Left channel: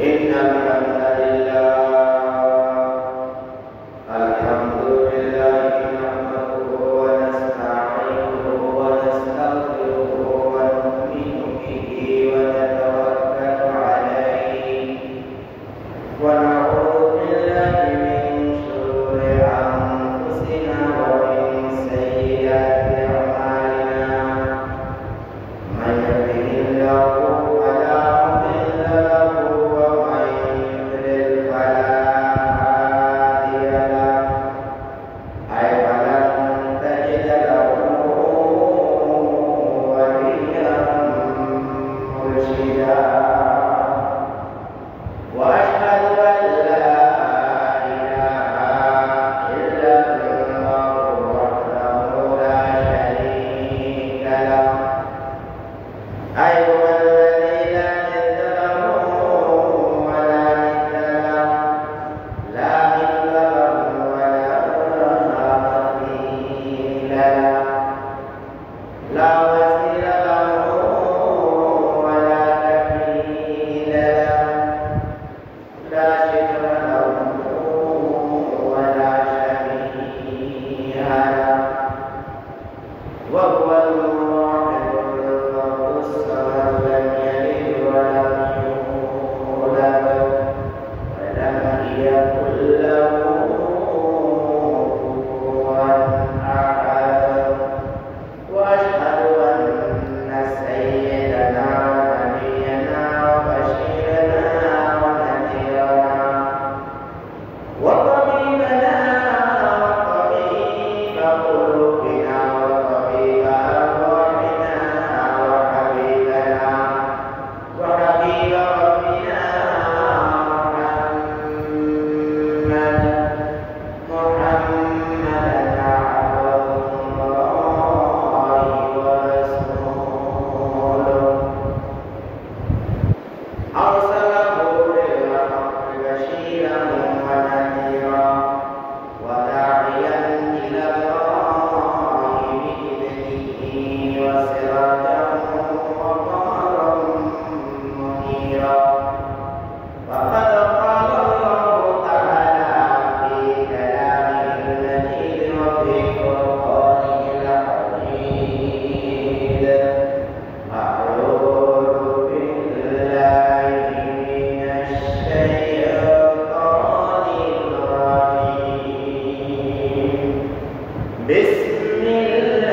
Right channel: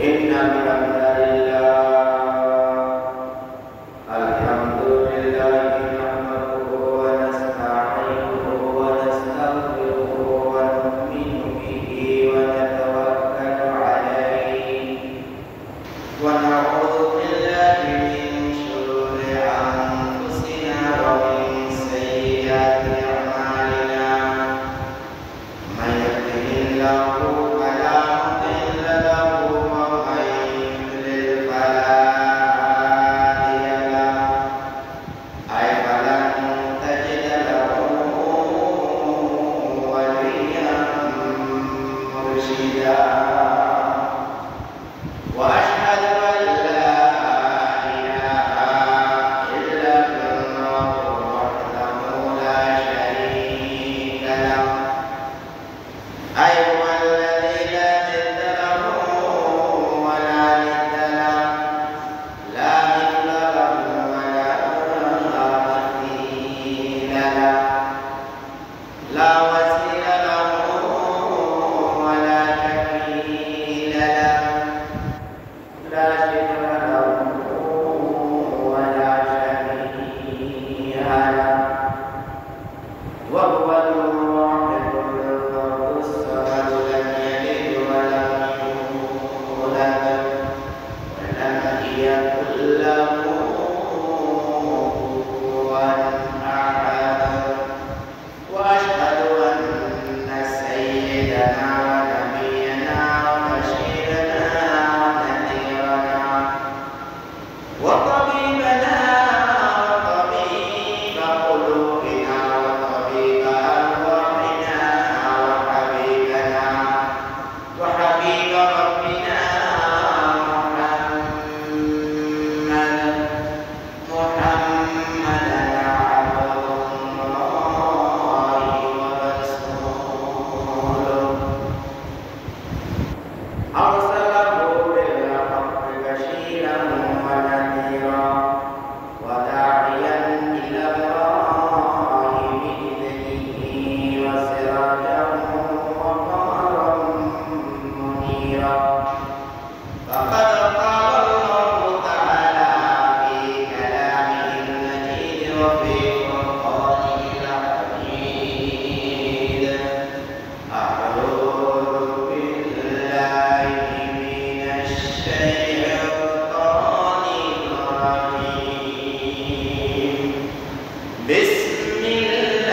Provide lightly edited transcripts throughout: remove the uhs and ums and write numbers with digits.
إن الحمد لله الحمد لله نحمده ونستعينه ونستغفره ونؤمن به ونتوكل عليه ونعوذ بالله من شرور أنفسنا ومن سيئات أعمالنا من يهده الله فلا مضل له ومن يضلل فلا هادي له أي فلن تجد له وليا مرشدا وأشهد أن لا إله إلا الله وحده لا شريك له أي هو الذي لا ند له ولا ند له لا مثل له ولا مثيل له لا وزير له ولا شكيل له لا شكر له ولا شبيه له وهو الواحد الفرد الصمد لم يلد ولم يولد ولم يكن له كفوا أحد وأشهد أن سيدنا ونبينا وبشيرنا ونذيرنا وطبيبنا وطبيب قلوبنا وطبيب أرواحنا وحبيبنا وحبيب ربنا محمدا عبد الله ورسوله أرسله بالحق بشيرا ونذيرا وداعيا إلى الله بإذنه وسراجا وقمرا منيرا فقد قال الله تعالى في كلامه المجيد وفي فرقانه الحميد أعوذ بالله من الشيطان الرجيم بسم الله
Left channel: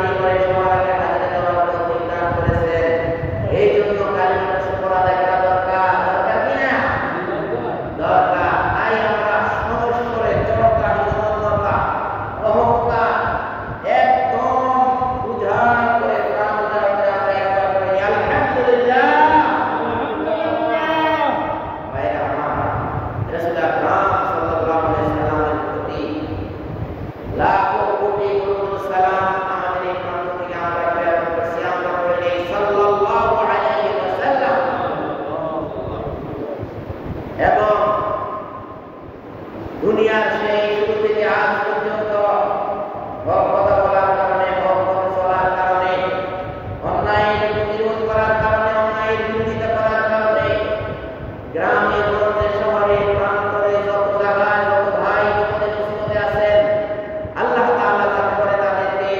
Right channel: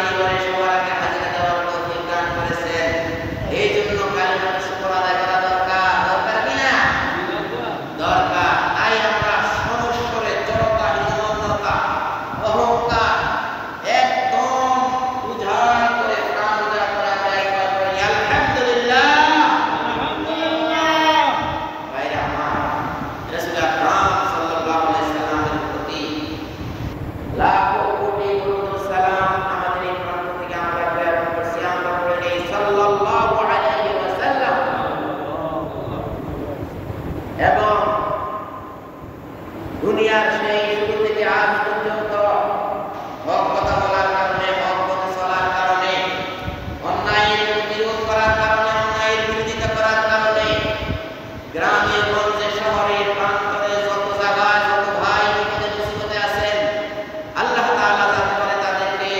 তৈরি করে সবার আগে হাজিরা দেওয়ার তৌফিক দান করেছেন। এই জন্য কালিমাটা শুকর আদায় করা দরকার, দরকার কিনা? দরকার। তাই আমরা সমস্যরে জড়তা, হীনমন্যতা, অহংকার একদম উজাড় করে প্রাণ উজাড় করে আমরা একবার করি আলহামদুলিল্লাহ। ভাইরা আমার, রাসূল আকরাম সাল্লাল্লাহু আলাইহি সাল্লামের প্রতি লাখো কোটি দরুদ সালাম আমাদের এই প্রান্ত থেকে আমরা প্রেরণ করছি। আমরা পড়ে নেই সাল্লাল্লাহু আলাইহি ওয়াসাল্লাম। এবং দুনিয়ার সেই শুরু থেকে আজ পর্যন্ত হক কথা বলার কারণে, হক পথে চলার কারণে, অন্যায়ের বিরোধ করার কারণে, অন্যায়ের বিরোধিতা করার কারণে গ্রামে গঞ্জে শহরে প্রান্তরে যত জায়গায় যত ভাই বিপদে মুসিবতে আছেন, আল্লাহ তাআলা যাতে করে তাদেরকে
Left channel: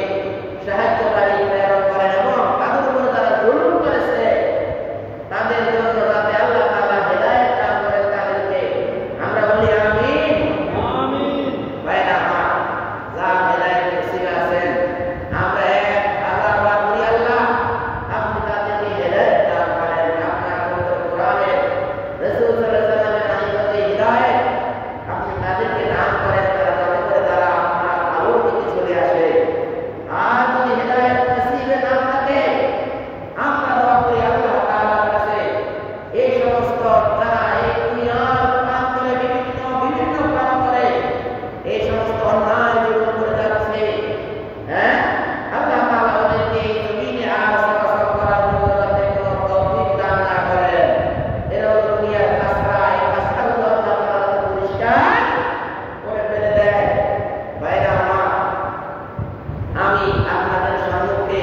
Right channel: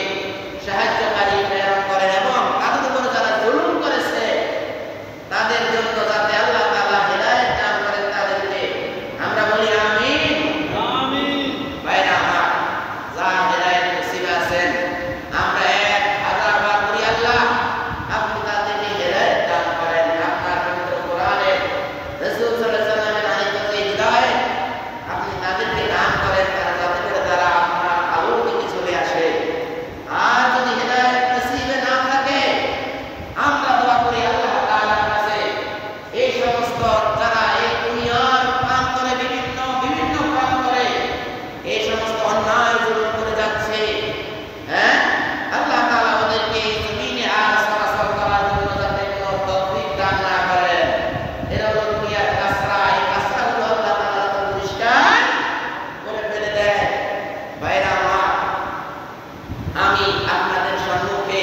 সাহায্যকারী প্রেরণ করেন এবং তাদের উপর যারা জুলুম করেছে তাদের জন্য যাতে আল্লাহ তাআলা হেদায়েত দান করেন তাদেরকে। আমরা বলি আমিন, আমিন। ভাইরা আমার, যার হেদায়েত নসিব আছেন আমরা 1000 বার বলি আল্লাহ আপনি তাদেরকে হেদায়েত দান করেন। আপনার পবিত্র কোরআনে রাসূল সাল্লাল্লাহু আলাইহি ওয়াসাল্লামের আনিত যে হিদায়াত আপনি তাদেরকে দান করেন, তারা যাতে করে তারা আপনার আলোর দিকে চলে আসে। আর যদি হেদায়েত নসিবে না থাকে আমরা দোয়া করি আল্লাহ তাআলার কাছে এই সমস্ত যারা এই দুনিয়ার প্রান্তরে বিভিন্ন প্রান্তরে এই সমস্ত অন্যায় জুলুম করে যাচ্ছে, হ্যাঁ, আল্লাহ তাআলা ওদেরকে এই জমিনে আর চলাচল করার জন্য যাতে কোনো তৌফিক দান না করেন। এরা হলো দুনিয়ার কাসরা, এই কাসরাগুলো আল্লাহ তাআলা পরিষ্কার করে ফেলে দেয়। ভাইরা আমার, আমি আপনাদের সম্মুখে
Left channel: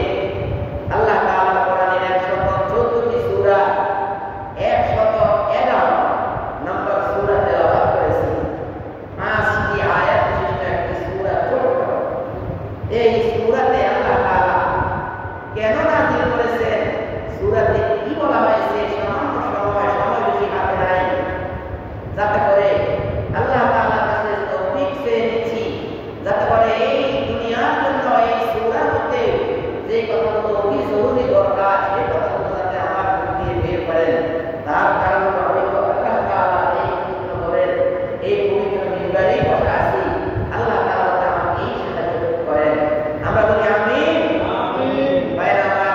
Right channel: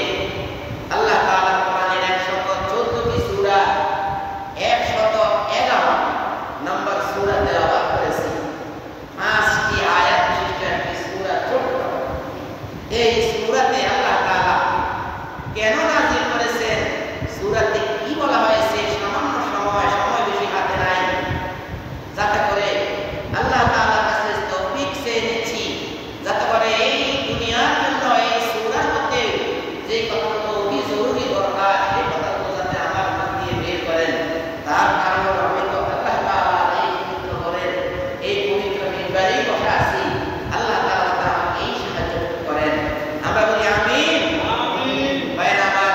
আল্লাহ তাআলার কোরআনের 114টি সূরা 111 নম্বর সূরা তেলাওয়াত করেছি। 5টি আয়াত বিশিষ্ট একটি সূরা ছোট্ট। এই সূরাতে আল্লাহ তাআলা কেন নাযিল করেছেন, সূরাতে কি বলা হয়েছে, সামান্য সময় বেশি হাতে নাই, যাতে করে আল্লাহ তাআলার কাছে তৌফিক চেয়ে নিচ্ছি যাতে করে এই দুনিয়ার জন্য এই সূরার মধ্যে যে কথাগুলো অতি জরুরি দরকার সেই কথাগুলো যাতে আমার মুখ দিয়ে বের করেন। তার কারণ হয়তো আল্লাহ তাআলা এই পবিত্র ঘরের এই পবিত্র মিম্বারেই বসে আছি, আল্লাহ তাআলা যাতে আমাকে এই সাহায্য করেন। আমরা বলি আমিন, আমিন। ভাইরা আমার,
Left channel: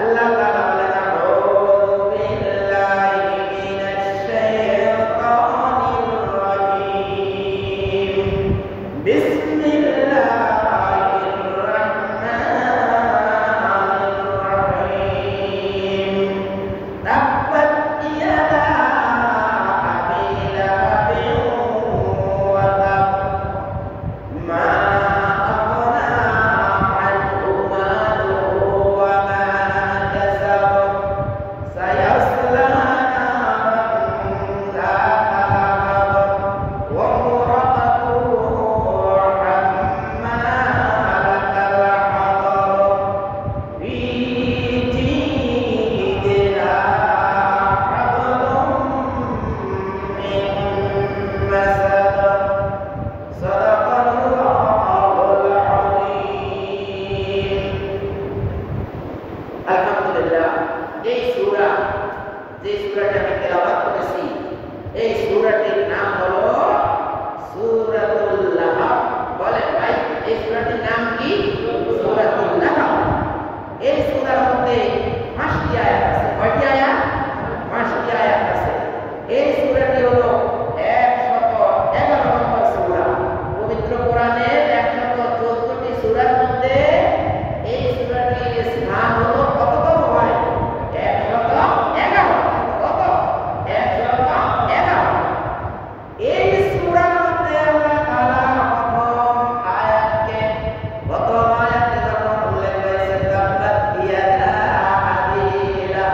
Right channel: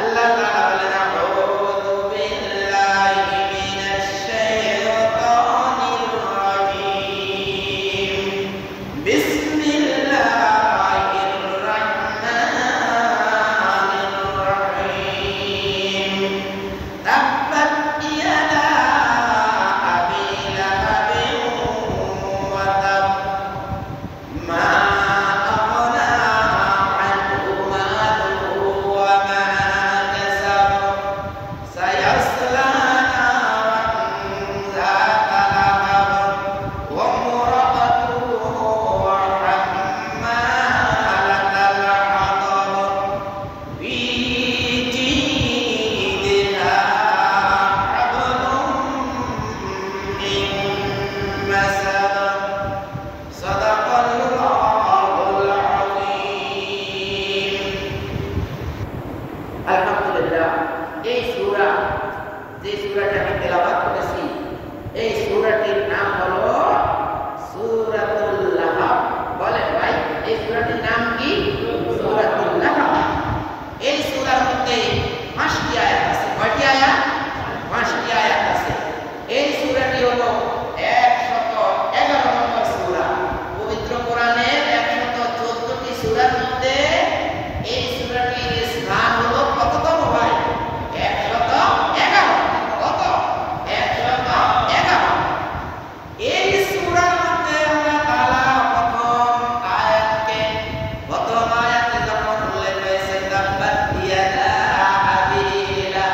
আল্লাহ তাআলা বলেন আউযু বিল্লাহি মিনাশ শাইতানির রাজীম, বিসমিল্লাহির রাহমানির রাহিম। তাব্বাত ইয়াদা আবি লাহাবিন ওয়া তাব, মা আগনা আনহু মালুহু ওয়া মা কাসাব, সায়াসলা নারান যাতা লাহাব ওয়া ইমরাতুহু হাম্মালাতাল হাতাব, ফি জিদিহা হাবলুম মিন মাসাদ। সাদাকাল্লাহুল আযীম। আলহামদুলিল্লাহ, এই সূরা যে সূরাটি আমি তেলাওয়াত করেছি এই সূরাটির নাম হলো সূরাতুল লাহাব। বলেন ভাই, এই সূরাটির নাম কি? সূরাতুল লাহাব। এই সূরার মধ্যে 5টি আয়াত আছে। কয়টি আয়াত? 5টি আয়াত আছে। এই সূরাটি হলো 111 নম্বর সূরা। পবিত্র কোরআনের 114টি সূরার মধ্যে এই সূরাটির স্থান হলো কততম ভাই? 111। কত? 111। এই সূরার মধ্যে আল্লাহ তাআলা প্রথম আয়াতে যখন উল্লেখ হয়েছে তাব্বাত ইয়াদা আবি লাহাব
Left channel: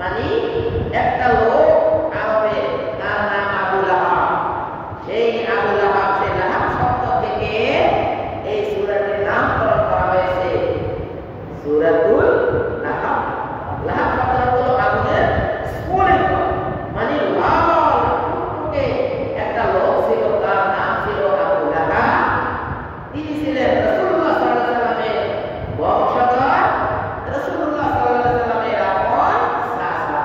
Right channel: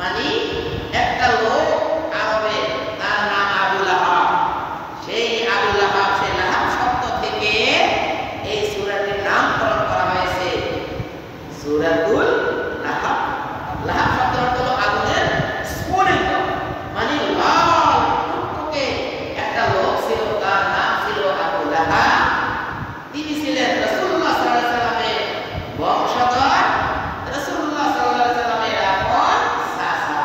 মানে একটা লোক আরবে, তার নাম আবু লাহাব। সেই আবু লাহাব, সেই লাহাব শব্দ থেকে এই সূরাটির নামকরণ করা হয়েছে সূরাতুল লাহাব। লাহাব শব্দের অর্থ হলো আগুনের স্ফুলিঙ্গ, মানে লাল টুকটুকে একটা লোক ছিল, তার নাম ছিল আবু লাহাব। তিনি ছিলেন রাসূলুল্লাহ সাল্লাল্লাহু আলাইহি ওয়াসাল্লামের বংশধর, রাসূলুল্লাহ সাল্লাল্লাহু আলাইহি ওয়াসাল্লামের আপন চাচা।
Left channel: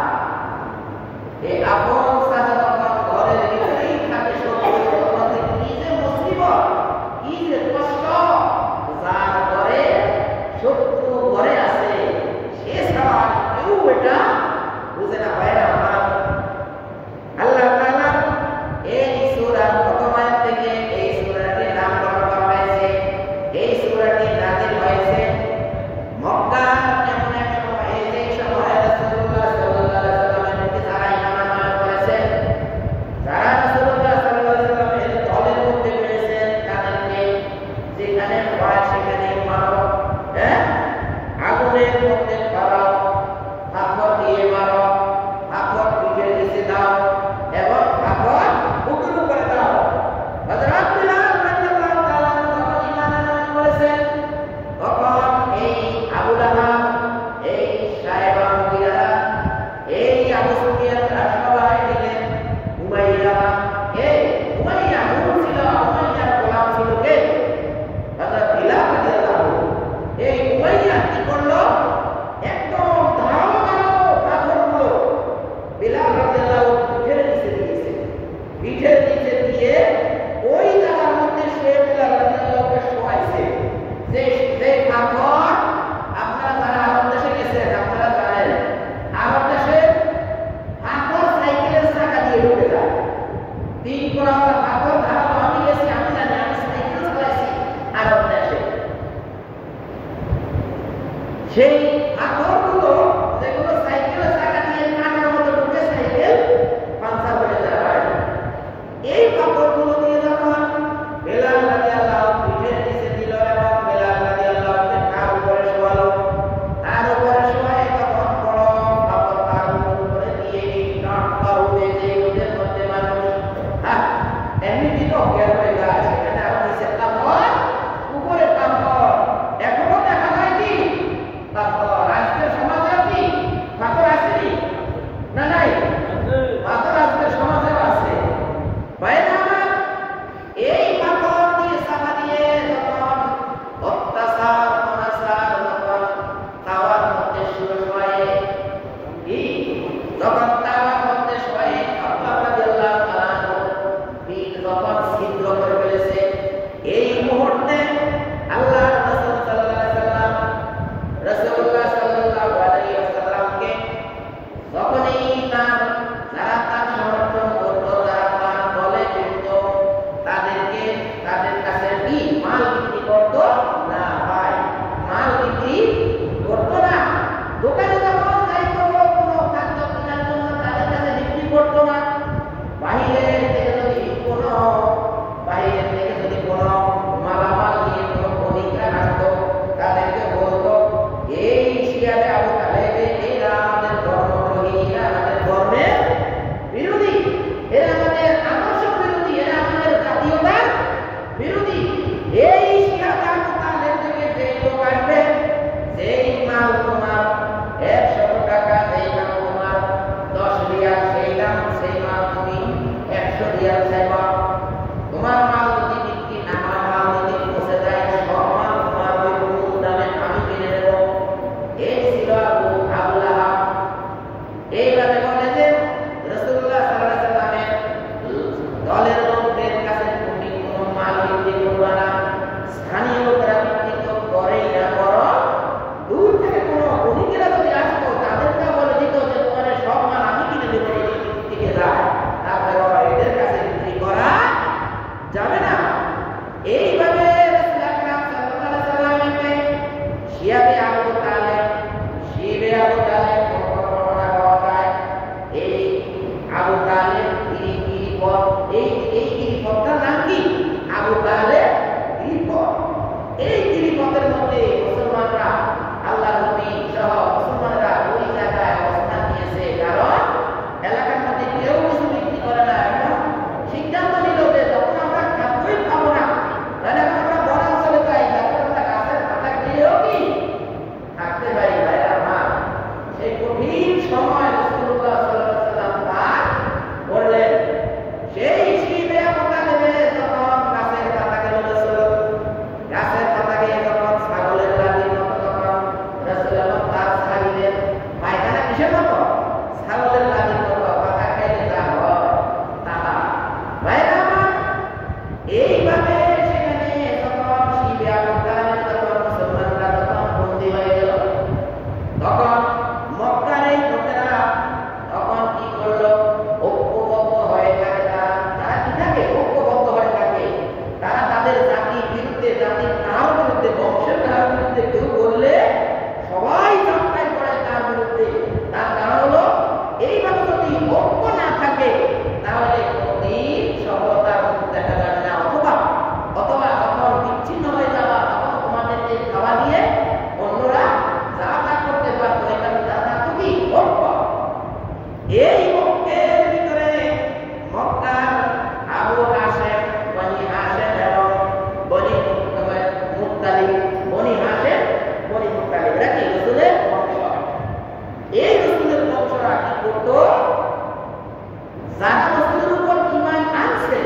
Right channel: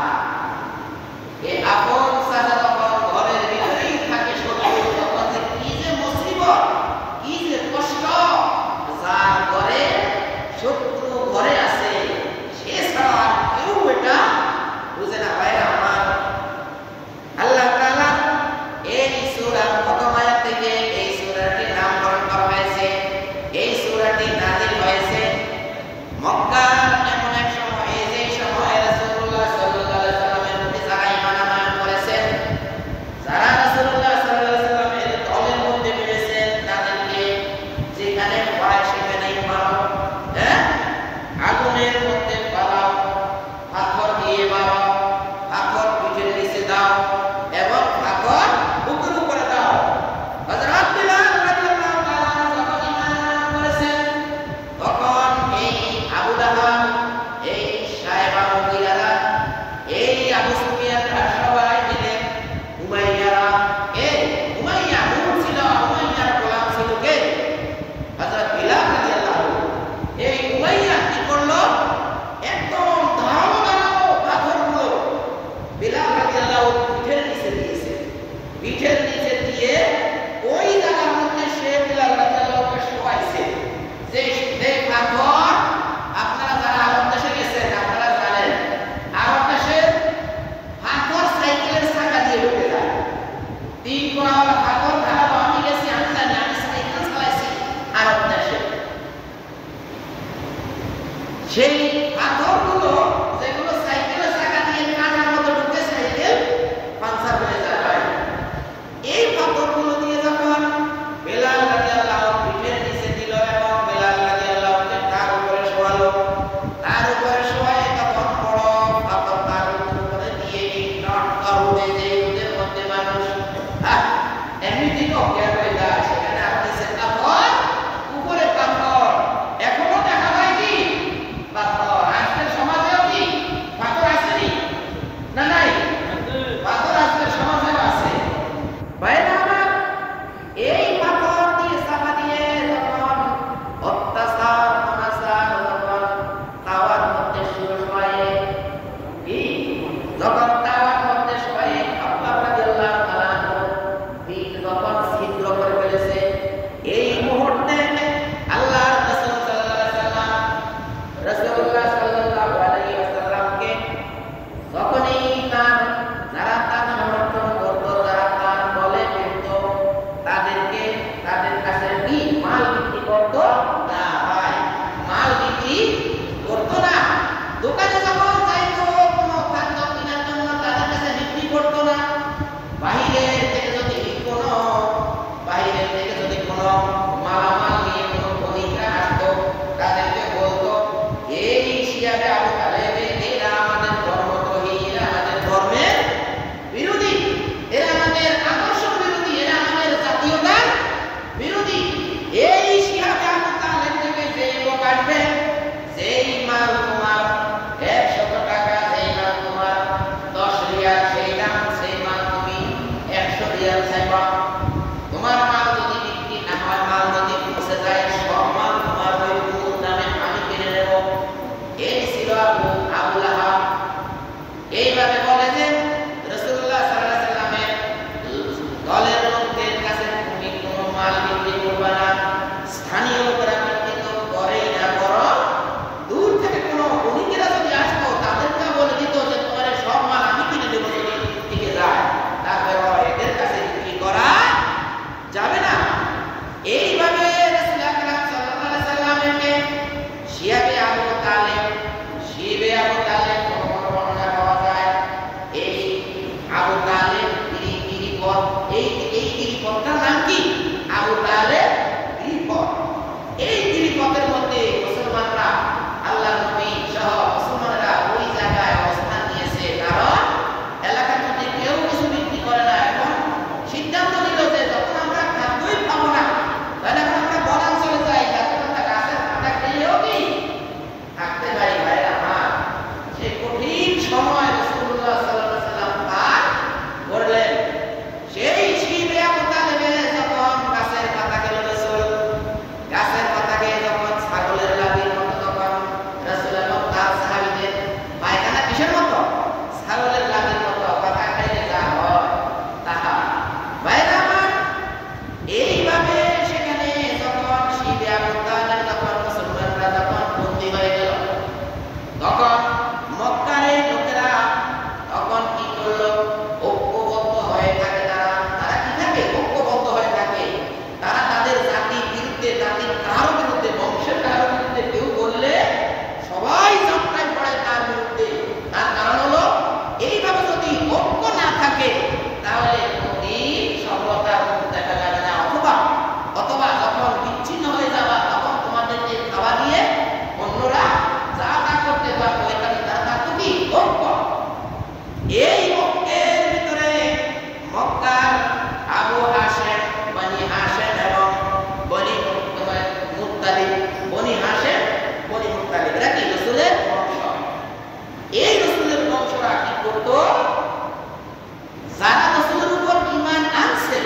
এই আপন চাচা যখন ঘরের ভিতরেই থাকে, শত্রু তখন যে কি যে মুসিবত, কি যে কষ্ট, যার ঘরে শত্রু ঘরে আছে সে ছাড়া কেউ এটা বুঝে না। ভাইরা আমার, আল্লাহ তাআলা এই সূরার প্রথম আয়াত থেকে এই সূরাটির নামকরণ করা হয়েছে। এই সূরাটি নাযিল হয়েছে মক্কার এমন এক সময়ে, যে সময়ে রাসূলুল্লাহ সাল্লাল্লাহু আলাইহি ওয়াসাল্লামের প্রতি যারা ঈমান আনয়ন করেছেন, যারা রাসূলুল্লাহ সাল্লাল্লাহু আলাইহি ওয়াসাল্লামের দলের মধ্যে বেড়েছেন, তাদেরকে যেখানে পায় সেখানেই মারো, আগুনের মধ্যে পালাও, পাথর দিয়ে মারো, পাথর পিঠের নিচে দাও এবং পাথর বুকের উপরে দাও। হযরত বিলাল রাদিয়াল্লাহু তাআলা যখন ঈমান আনয়ন করেছেন, তখন এই আবু লাহাব, এই সাহেবা মুগিরা, এই আবু সুফিয়ানরা সবাই মিলে উমাইয়া, এই উমাইয়া হুম ছিল, উমাইয়ার গোলাম ছিল কে? হযরত বিলাল রাদিয়াল্লাহু। এই উমাইয়া কি করলো? একদম ধারালো ধারালো পাথরগুলো বিলাল রাদিয়াল্লাহু পিঠের নিচে দিয়েছে। পিঠের নিচে দিয়ে ওই জায়গার মধ্যে সে বিলাল রাদিয়াল্লাহুকে শোয়াইছে। যে পাথর, আপনারা যারা আরব দেশে গেছেন আপনারা জানেন, আরব দেশে পাথর সাইকেলের চাকা দিয়ে ঢুকে যায়। 3 কোণাওয়ালা পাথর ধারালো, আমি গেছি, আমি জানি, আমি সাইকেল চালাইছি আরব দেশে। সেই পাথরগুলো যেগুলো সাইকেলের চাকা দিয়ে কাটার মতো ঢুকে সাইকেল পাঞ্চার হয়ে যায়, এই পাথরগুলো দিয়ে যখন বিলাল রাদিয়াল্লাহু পিঠের নিচে দিল এবং বিলাল রাদিয়াল্লাহুকে তার উপরে শোয়ালো, তার উপরে শোয়ায় তখন বড় পাথর তার উপরে দিয়ে এই রোদে, যে রোদের মধ্যে মানুষ এমনিতেই অজ্ঞান হয়ে যায়, সেখানে আর নিচে পাথর, উপরে পাথর, এখনো দেখা যায় কি পাথর। আজকের সমাজেও কি পাথর আসেনি? না নাই, পাথর আজকের সমাজেও আছে। বাইরে আমার এই পাথর দিয়ে চাপা দিয়ে যখন অত্যাচার অনাচার যখন তাওয়ার মধ্যে শোয়ে, যখন তাওয়ার মধ্যে শোয়ে আল্লাহ রাদিয়াল্লাহু তাআলা যখন ছিদ্র করে ফেলেছে, এই মুহূর্তে আল্লাহর রাসূল সাল্লাল্লাহু আলাইহি ওয়াসাল্লাম, রাসূলুল্লাহ সাল্লাল্লাহু আলাইহি ওয়াসাল্লামকে যখনই যারা তার সমর্থন করতো, যারা তার দলে ফিরত, তাদেরকে তাদের কাছে কি মাল বিক্রি করতো না? ভাই, মাল বিক্রি করতো না। দোকানে যখন যাইতো কোনো খাদ্য কেনার জন্য, তাদের কাছে বিক্রি করতো না। বাহিরের থেকে যদি কোনো মালামাল নিয়ে কোনো বণিকরা আসতো, তাদেরকে বলতো, এই শিয়াবে আবু তালেব, এরা আমাদের ধর্মদ্রোহী, এরা আমাদের ধর্মের বিরোধী, এরা আমাদের আদর্শ বিরোধী, এরা আমাদের জাতীয়তার বিরোধী। এই শিয়াবে আবু তালেব থেকে যে লোক আসবে, যেই মাল তোমার 100 টাকা, যেই মাল তোমার 10 রিয়াল, সেই দাম, সেই মাল তুমি 100 রিয়াল চাইবা। তোমার মাল যদি বিক্রি না হয়, মাল যদি পচে যায়, সব মাল তোমার ওই মূল দামে আমি কিনে নেব। এই ছিল আবু লাহাব। এইভাবে বলে যে রাসূলুল্লাহ সাল্লাল্লাহু আলাইহি ওয়াসাল্লামের দলের লোকদের কাছে তুমি কোনো মাল বিক্রি করবে না, স্থানীয় লোকেরা বিক্রি তো করেই না, বরং দূর থেকে কোনো বণিকেরা যদি আসতো, তাদেরকে বলে দিত যে তোমার সব মাল আমি কিনে দেবো যদি টিকে যায়, তারপরে এদের কাছে বিক্রি করা যাবে না। এইভাবে রাসূল আকরাম সাল্লাল্লাহু আলাইহি ওয়াসাল্লামকে শিয়াবে আবু তালেব বর্ণনা পাওয়া যায় ছাগলের লাভের মতো পাকা খাইলে যা হয় তাহা। বাইরে আমার এইভাবে সেখানে যখন শিবে আবু তালেব যখন মুসলমানরা যখন বন্দী হয়ে গেল, তখন মক্কার এই লোকেরা তখন কি করলো? ঐক্যবদ্ধ হয়ে থাকে। তারা কি থাকে? ঐক্যবদ্ধ হয়ে থাকে। তারা তাদের জাতির বিরুদ্ধে, জাতির কারো বিরুদ্ধে, বংশের কারো বিরুদ্ধে কেউ বললে সবাই যাত্রায় পড়ে তার বিরুদ্ধে। তার কারণ হলো এইভাবে যদি ঐক্য না থাকে তাহলে কোনদিন সফলতার মুখ দেখা যাবে না। অথবা যখন বিচ্ছিন্ন হয়ে যাবা তখন তোমাদেরকে খাওয়া দিয়ে অন্যরা যা তা করতে পারতো। এখানে তার তো কি ঐক্য। এই ঐক্যের ভিতরে মক্কার আবু হাশেম, বনি হাশেম এবং বনি মুত্তালিব, বনি হাশেম, বনি মুত্তালিব এরা কি রাসূলের বংশ। এই রাসূলের বংশরা কি করতো? যারা রাসূলের উপর ঈমান আনছে,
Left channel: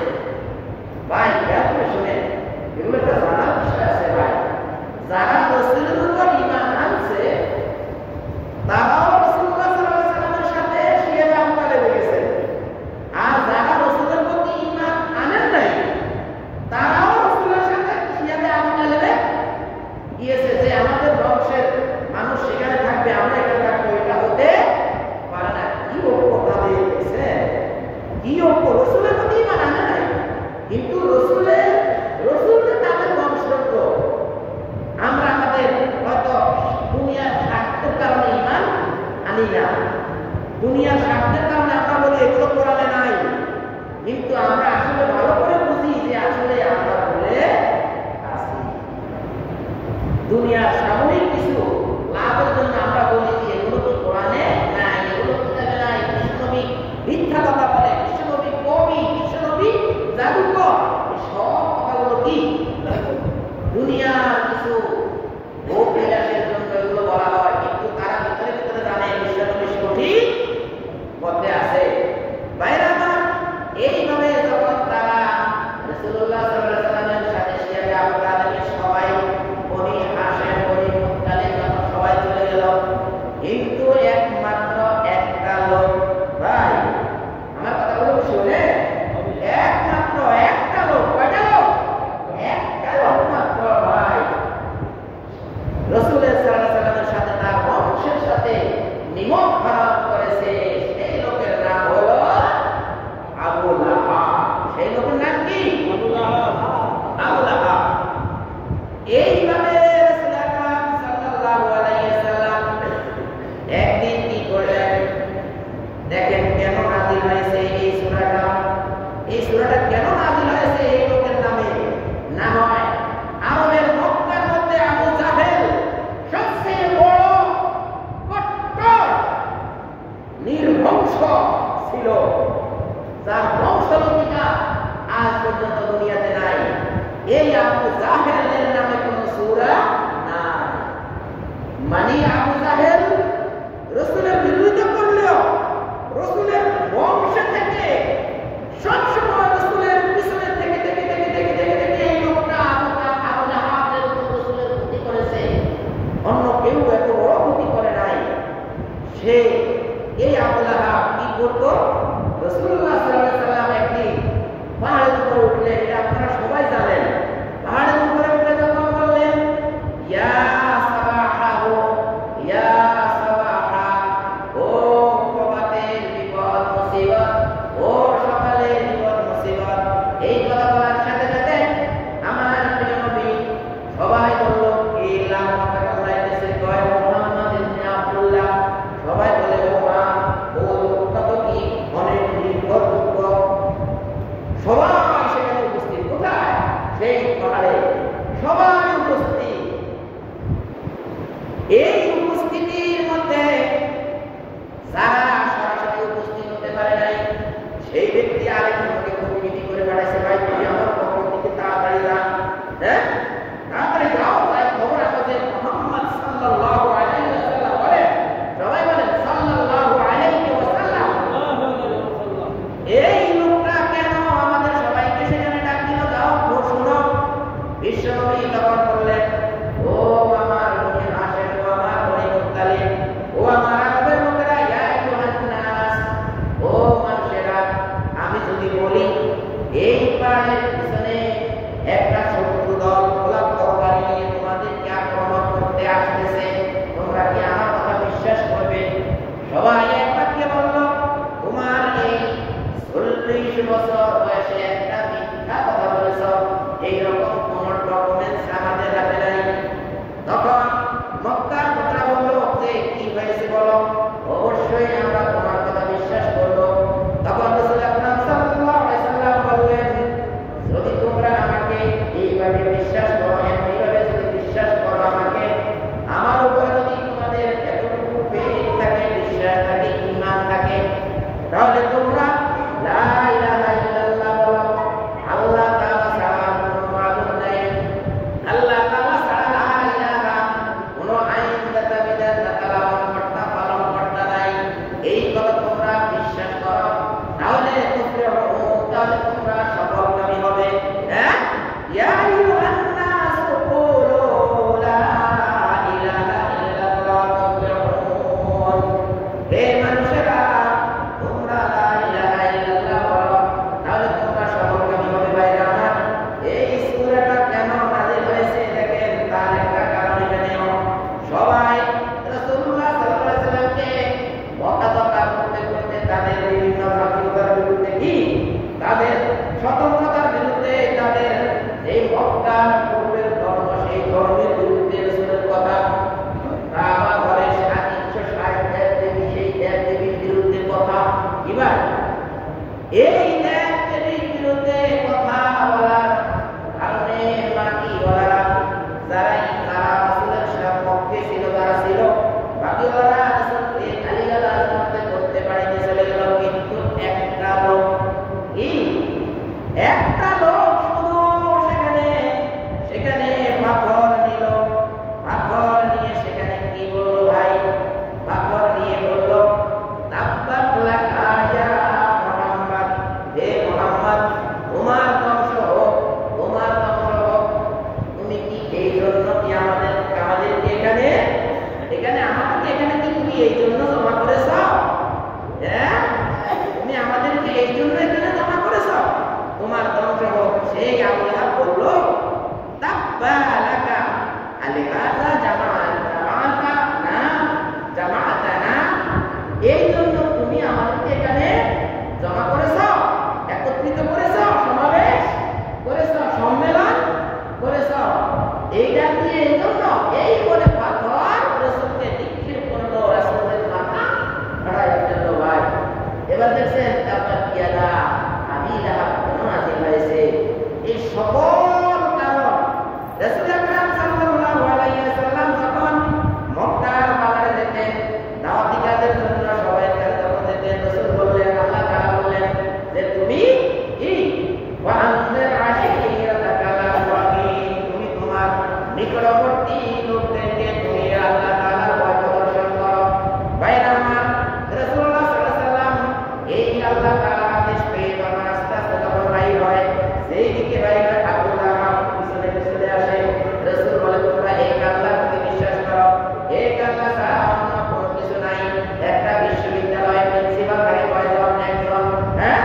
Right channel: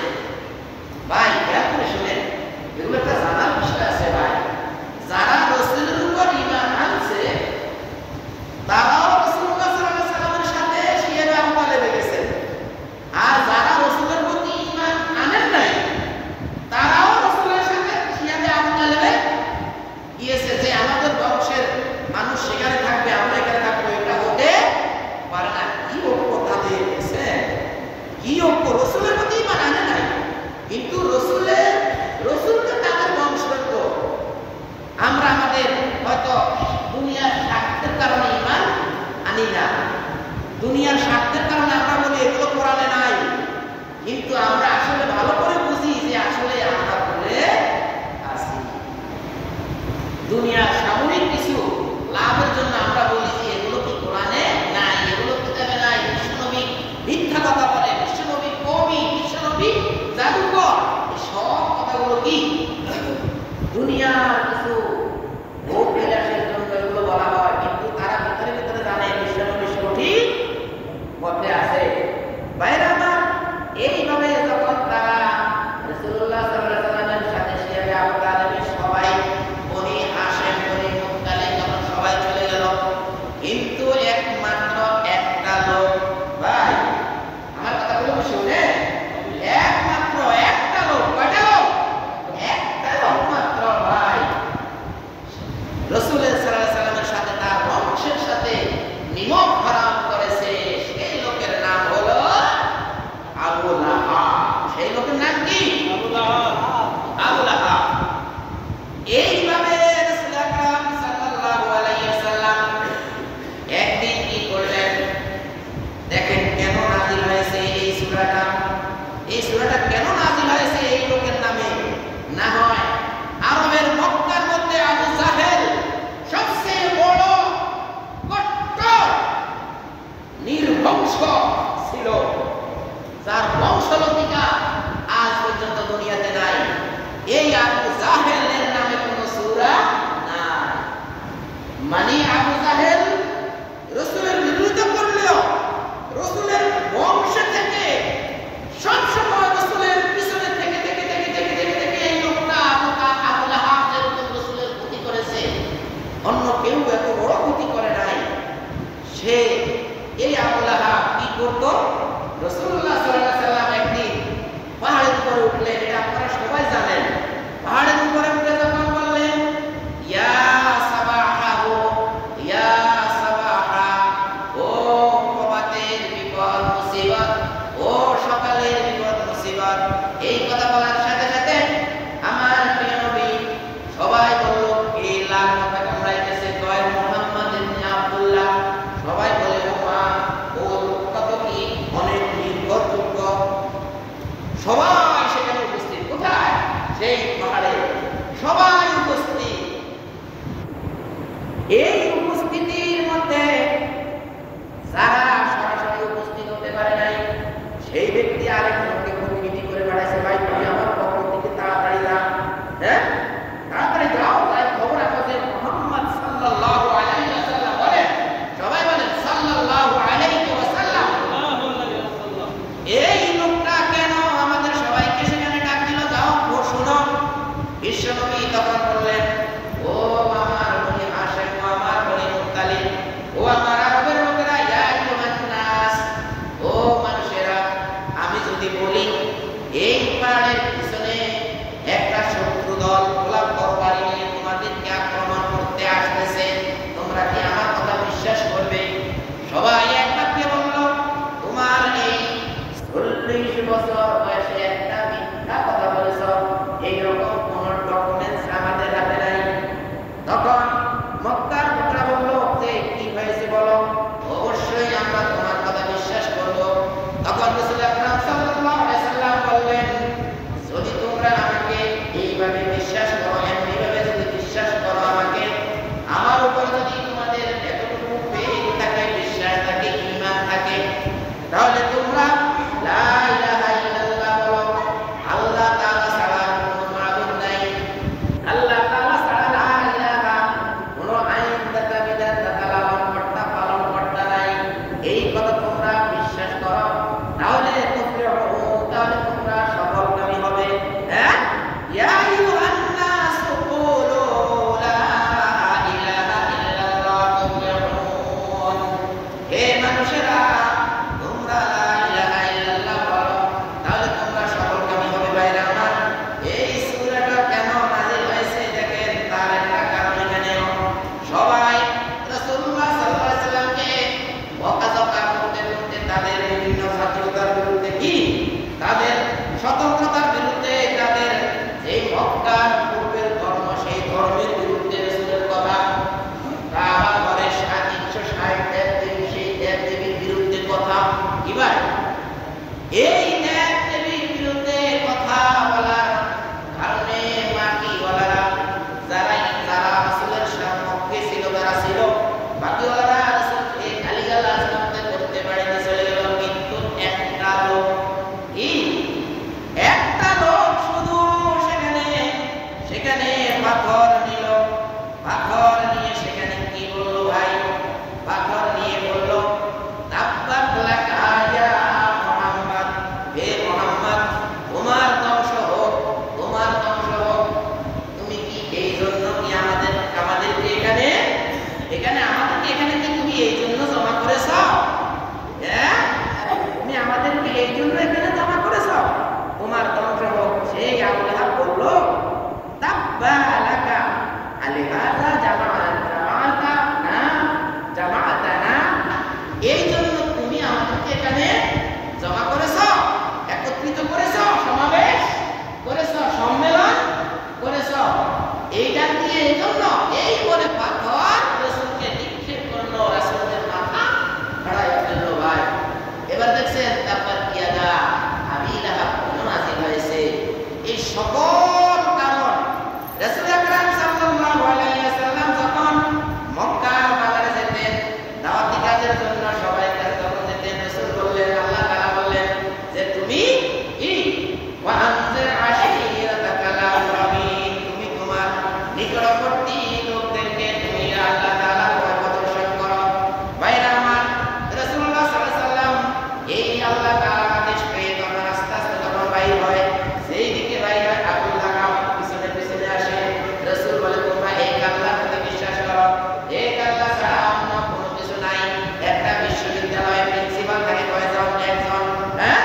ভাই খেয়াল করে শুনেন, এগুলো একটা জানার বিষয় আছে ভাই। যারা রাসূলের উপর ঈমান আনছে তারাও রাসূলুল্লাহ সাল্লাল্লাহু আলাইহি ওয়াসাল্লামের সাথে শিয়াবে আবু তালেবে গেছেন। আর যারা রাসূলের প্রতি ঈমান আনেন নাই তারাও রাসূলের সাথে শিয়াবে আবু তালেবে গিয়েছে। যে আমাদের বংশের মানুষ সেখানে থাকবে, আমরা এখানে থাকবো, এটা হতে পারে না। কি ঐক্য তাদের গেছে, কি ঐক্য! রাসূলের প্রতি ঈমান আনে নাই, কিন্তু রাসূলকে তাদের বংশধর। আমরা আমাদের হয়তো দুনিয়ার স্বার্থের কারণে ঈমান আনি না, দুনিয়ার স্বার্থের কারণে আমরা বলি এগুলো কোরআনে নাই, কিন্তু আমরা আসলে ভালো করে বুঝি যে আসলে আমরা বলে আছি। দুনিয়ার সাময়িক কিছু লাভের জন্য আমরা বলি যে এগুলো কি কোরআনে নাই, এগুলো কিতাবে নাই। বিশ্বনবী মিথ্যা কথা বলে, বিশ্বনবী কবি, বিশ্বনবী জাদুকর, এই সব কথাগুলো কি দুনিয়ার কিছু ভোগ বিলাসের জন্য এগুলো বলা হয়। কিন্তু তারা ভিতরে ভিতরে জানে বিশ্বনবী সঠিক পথে আছে। বাইরে আমার এইভাবে যখন তারা রাসূলুল্লাহ সাল্লাল্লাহু আলাইহি ওয়াসাল্লামের সাথে শিয়াবে আবু তালেবের সবাই বনি হাশেম, বনি মুত্তালিব যখন সবাই চলে গেল, কিন্তু একমাত্র একটা লোক, ভাই আমার কথাগুলো কি শুনে, একমাত্র একটা লোক, কয়টা লোক? একটা লোক মাত্র ভাই রাসূলের সাল্লাল্লাহু আলাইহি ওয়াসাল্লামের সাথে তার বংশের সাথে নিমক হারাম করেছে। সেই লোকের নাম হলো আবু লাহাব। সেই লোকের নাম কি? আবু লাহাব। এইভাবে রাসূল আকরাম সাল্লাল্লাহু আলাইহি ওয়াসাল্লাম একদিন কি করলেন দেখেন, কেন নাযিল হয়েছে এই সূরাটা। এই সূরাটা কেন নাযিল হয়েছে এই লোকের নামে? না হয় আরবের মক্কার মধ্যে আবু জাহেল সবচেয়ে বড় কট্টর নির্বংশ ছিল, যার বংশলতিকা আজ পর্যন্ত দুনিয়াতে নাই। এই আবু জাহেলের নামে কোনো সূরা নাই। মানে আবু জাহেল রাসূলের বিরোধিতা করলেও রাসূলের বংশ থেকে সবসময় রাসূলের পিছনে থেকে এই লোকটা আবু লাহাব যেরকম রাসূলের ক্ষতি করেছে, অন্য কেউ এত বড় ক্ষতি করে নাই। সে এই আবু লাহাব কি করত? রাসূলুল্লাহ সাল্লাল্লাহু আলাইহি ওয়াসাল্লাম একদিন পাহাড়ের উপরে উঠলেন, এটা আপনারা সবাই জানেন। পাহাড়ের উপরে উঠে যখন বললেন, ইয়া সাবাহাহু, ইয়া সাবাহা, ও প্রভাতের বিপদ মুসিবত, ও সকালের বিপদ মুসিবত, এই কথা বলার সাথে সাথে আমার প্রিয় নবী সবাই বলল, এই লাখ টাকা উড়াইতেছে, কয় মুহাম্মদ ইবনে আব্দুল্লাহ। সবাই বলে, ও মা, ও লোকটা তো কি অনেক নির্ভরযোগ্য। সবাই সেখানে উপস্থিত। কোথায়? সেই পাহাড়ে সবাই উপস্থিত। এই উপস্থিতির মধ্যে যারা সরাসরি উপস্থিত হতে পারে নাই, সেই ব্যক্তি আরেকজনকে প্রতিনিধি করে পাঠাইছে, ভাই তুমি আমার পক্ষ থেকে তাড়াতাড়ি যা, হ্যাঁ তাড়াতাড়ি যাও, তাই খবর আমাদের মুহাম্মদ সাল্লাল্লাহু আলাইহি ওয়াসাল্লাম বলেন, সবাই বলেন সাল্লাল্লাহু আলাইহি ওয়াসাল্লাম। এই লোকটা কেন আমাদের সবাইকে সেখানে ডাক দিল? যাও শুনো। বিশ্বনবী তখন বললেন, ও আমার বনি হাশেম, ও আমার বনি মুত্তালিব, ও আমার আরবের লোকেরা, ইয়া আইয়ুহান নাস, 20 বছর বয়সে একটা মিথ্যা কথা বলেছ, এইরকম কোন ডকুমেন্টস আমাদের হাতে নাই। তখন মক্কার লোকেরা বলল যে কি হয়েছে বলো, অবশ্যই আমরা তোমার কথা বিশ্বাস করব। তখন রাসূল আকরাম সাল্লাল্লাহু আলাইহি সাল্লাম বললেন, যদি তোমরা আমাকে এইভাবে বিশ্বাস করো, এইভাবে যদি বিশ্বাস করো আমাকে, আমার উপরে যদি তোমাদের এতটুকু ফেথ থাকে, বিশ্বাস থাকে, ঈমান থাকে, তাহলে তোমরা লা ইলাহা ইল্লাল্লাহ বলো, আল্লাহ তাআলা ছাড়া কোনো মাবুদ নাই, আল্লাহ তাআলা ছাড়া লা ইলাহা কোনো আইনদাতা বিধানদাতা লালনকর্তা পালনকর্তা নাই, এই কথা তোমরা বিশ্বাস করো, তাহলে তোমরা সফলকামী হবে। হ্যাঁ, ইয়া আইয়ুহান নাসু কুলু লা ইলাহা ইল্লাল্লাহ তাফলিহুন, হে মানুষেরা তোমরা লা ইলাহা ইল্লাল্লাহ বলো, তাহলে তোমরা সফলকামী হবে। ভাইরা আমার, এই সূরাটা কেন নাযিল হয়েছে দেখেন, তার একটা কারণ এখানেও। সবাই রাসূলুল্লাহ সাল্লাল্লাহু আলাইহি সাল্লামকে বকাঝকা করতে করতে তাদের বিভিন্ন স্বাধীনতার বিরুদ্ধে, কি তাদের স্বতন্ত্রতার বিরুদ্ধে, তাদের এই মক্কার পূর্বের ধর্ম, সেই ধর্মের বিরুদ্ধে রাসূলের কথা, কাবা ঘরে 360 দেব-দেবী, সেই দেব-দেবীর বিরুদ্ধে কথা, কি ভাই, এই দেব-দেবীর বিরুদ্ধে কথা বলার কারণে বাকিওয়ালারা যারা রাসূলের পক্ষে ছিল, তারা ছিল, বাকিওয়ালারা রাসূলকে গালিগালাজ করতে পারেনি, চলে গেল। কিন্তু একটা লোক, কি একটা লোক শুধু সেখানে পাথর নিল, পাথর নিয়ে সেখানে কি বললো ভাই, পাথর নিয়ে বললো, তাব্বাত লাকা ইয়া মুহাম্মদ, হে মুহাম্মদ তোমার ধ্বংস হোক, তোমার ধ্বংস হোক। তুমি কি এই জন্য কি আমাদেরকে এখানে আমাদেরকে এখানে কি তুমি এই জন্য জমা করেছ? হ্যাঁ, তুমি আমাদেরকে এই জন্য এখানে জমা করেছ, তোমার ধ্বংস হোক। সেই আবু লাহাব বলল, তাব্বা লাকা আলিহাযা জামাআতানা, এই জন্য তুমি আমাদেরকে এখানে জমা করেছ, একত্রিত করেছ, সমাবেশ করেছ, সম্মেলন করেছ, এইটা দিয়ে এই জন্য, এই বলে পাথর রাসূলকে নিক্ষেপ করলো, রাসূলের মাথা ফাটাই ফেললো। ভাই, এবার দেখছেন তারপর ইয়াদা আবি লাহাব কেন নাযিল হয়েছে, এই সকল কারণ। রাসূল আকরাম সাল্লাল্লাহু আলাইহি ওয়াসাল্লাম যখন মক্কার বাজারে যেতেন দাওয়াতি কাজের জন্য, সবাই কাছে যখন যেতেন, রাসূল বললেন, আল্লাহ তাআলা বললেন যে তুমি কি ওয়া আনজির আশীরাতাকাল আকরাবিন, তুমি তোমার নিকটবর্তী লোকদেরকে তুমি আল্লাহ তাআলার ভয় প্রদর্শন করো। ভাইরা আমার, রাসূলুল্লাহ সাল্লাল্লাহু আলাইহি ওয়াসাল্লাম এই আল্লাহ তাআলার আদেশ পেয়ে তখন আস্তে আস্তে যখন বাইর হয়, সেই দিকে বাইর হয়, আবু লাহাব পিছনে পিছনে আসে। রাসূল বলে, তোমরা এক আল্লাহর প্রতি বিশ্বাস করো, এক আল্লাহ ছাড়া অন্য কোনো কিছু নাই। একটা বিশ্ববিদ্যালয়ের প্রিন্সিপাল থাকে কয়জন? একজন। হ্যাঁ,